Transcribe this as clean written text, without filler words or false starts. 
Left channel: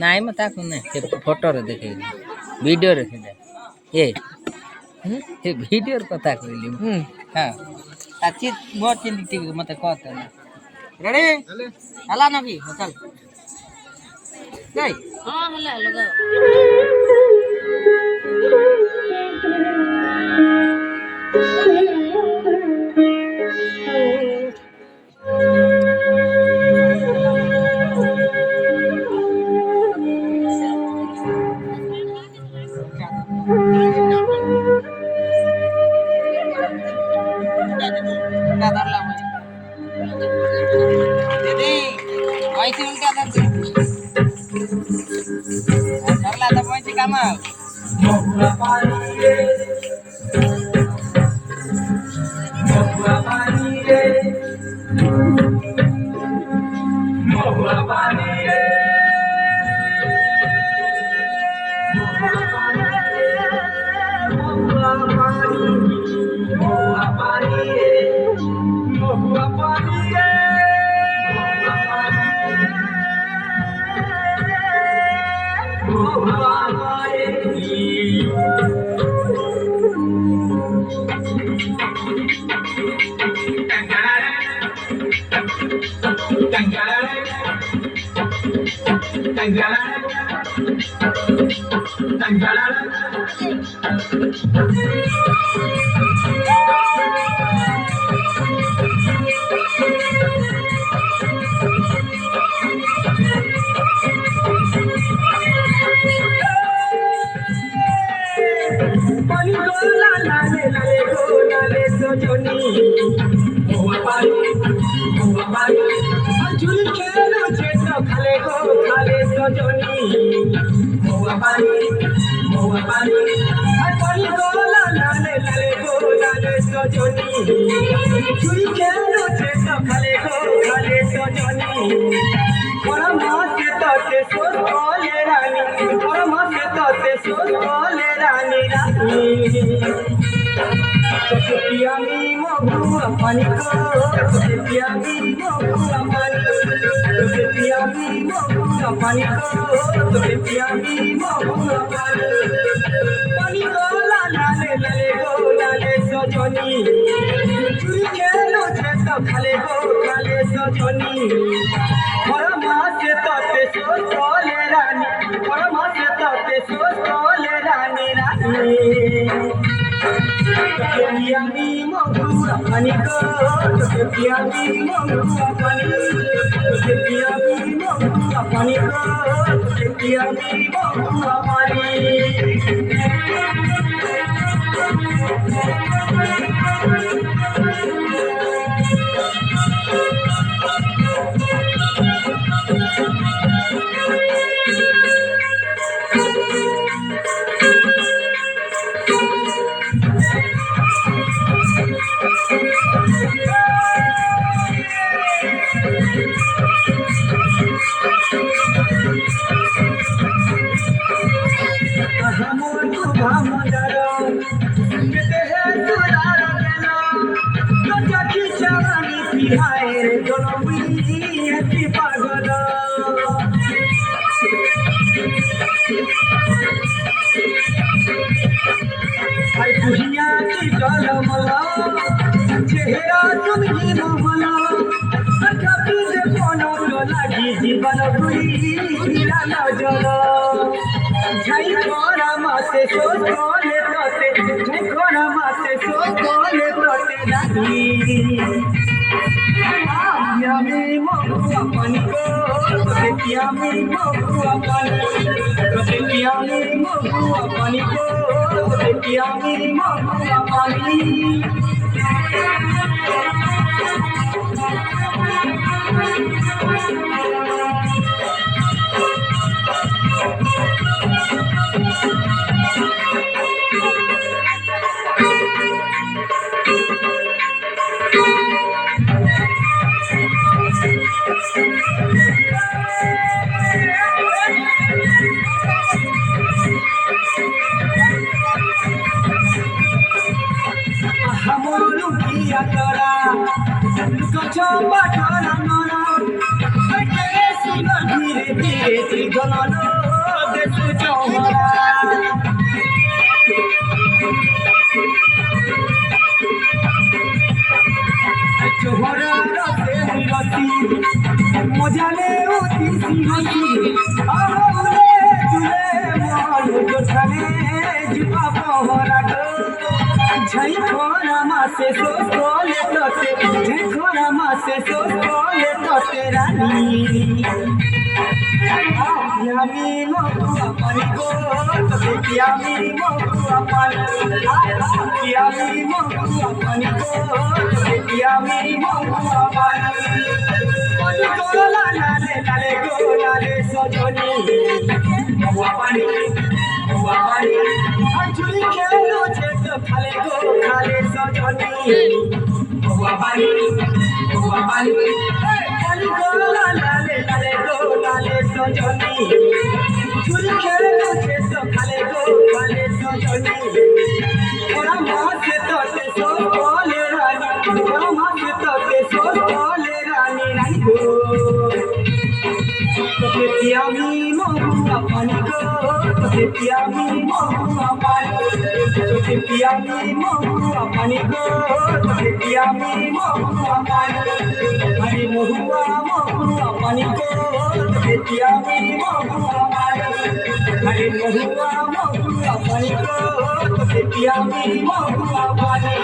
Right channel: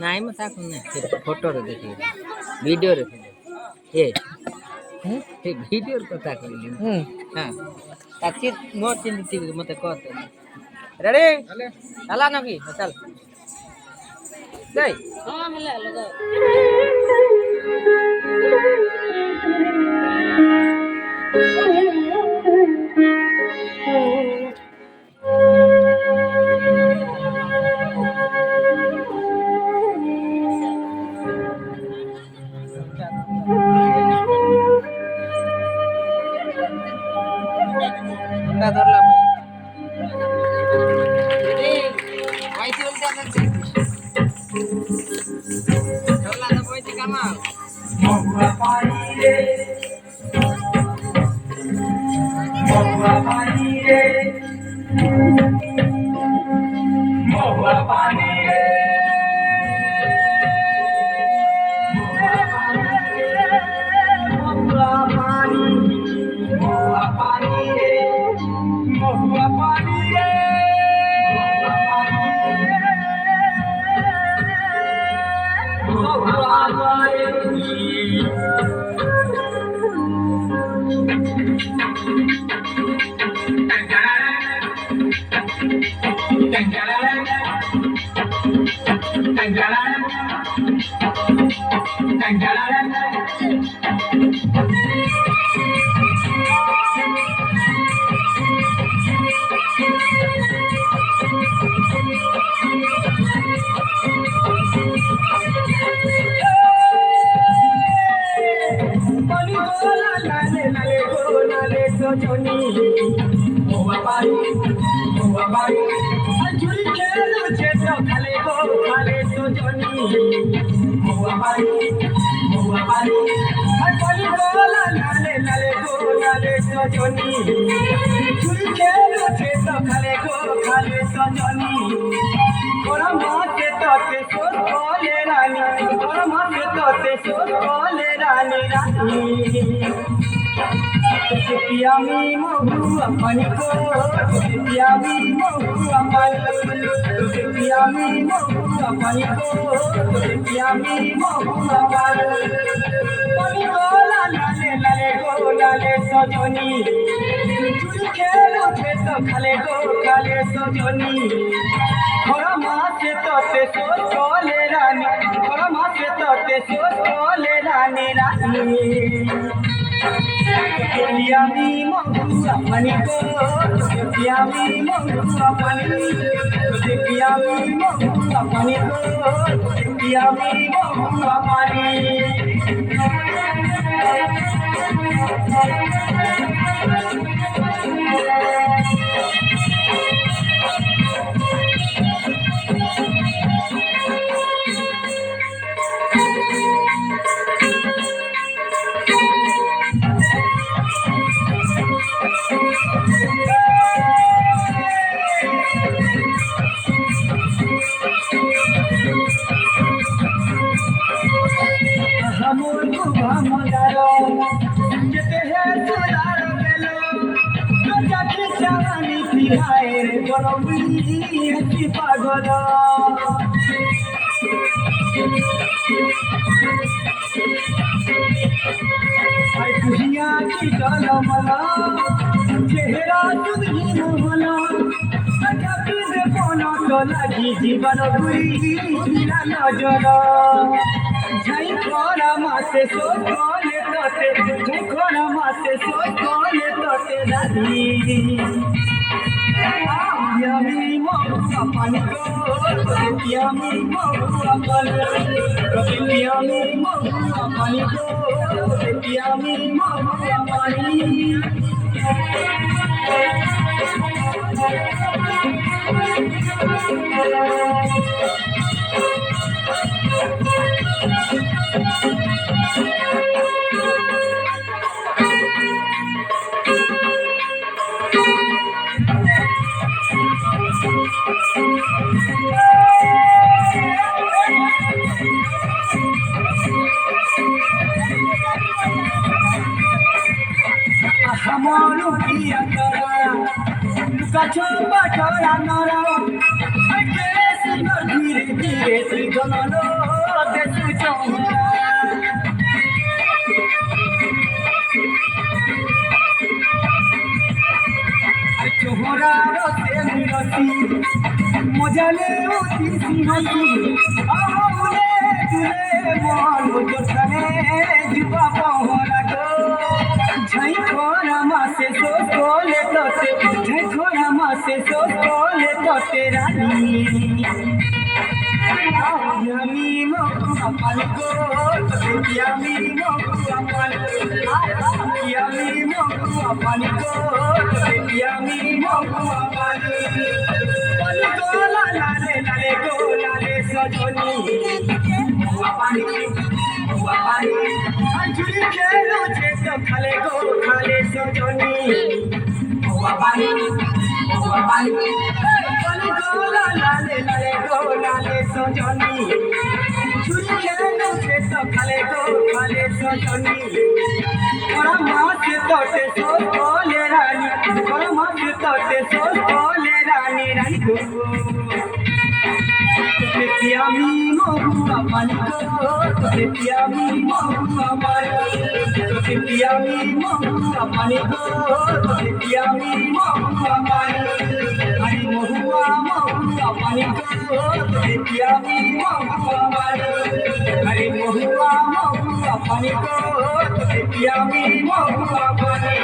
ନାଇଁ ମ ତାକୁ ନାଇଁ ସେ ଫଟୋରେ ଦେଖେଇଲି ଭିଡ଼ିଓରେ ଥିଲା ଏ ଭିଡ଼ିଓର କଥା କହିଲି ହଁ ତାଛି ମୋ ଚିନ୍ତା ଠିକ୍ ମତେ କହ ରେଡ଼ି ହେଲା ନା କି ଚାଲ ଯାଇ ହଁ ହେଲା ଲଗାଅ रे त्रिगुणलो देसु चौहरा चौहरा रसे रसी मजाले उठी सिंहसी आहुले जुले मालो जोठाने जीवा पहरा गो झई खोरा मासे सोले तोते झई खोरा मासे सोले तोते रानी यामी महुआ पानी को तोते यामी महुआ पानी यामी महुआ पानी को तोते यामी महुआ पानी पानी को ला ले सजनी महुआ पानी अंजुरी खेलो छे तो खाले सजनी महुआ पानी पानी को ला ले सजनी चुरी खेलो छे तो खाले सजनी ओरा माथे तोटे सो बोले रानी ओरा माथे तोटे सो बोले रानी को तोते पियामी महुआ पानी को तोते पियामी महुआ पानी तोते पियामी महुआ पानी को तोते पियामी महुआ पानी अरे महुआ पानी को तोते पियामी महुआ पानी अरे महुआ पानी को तोते पियामी महुआ पानी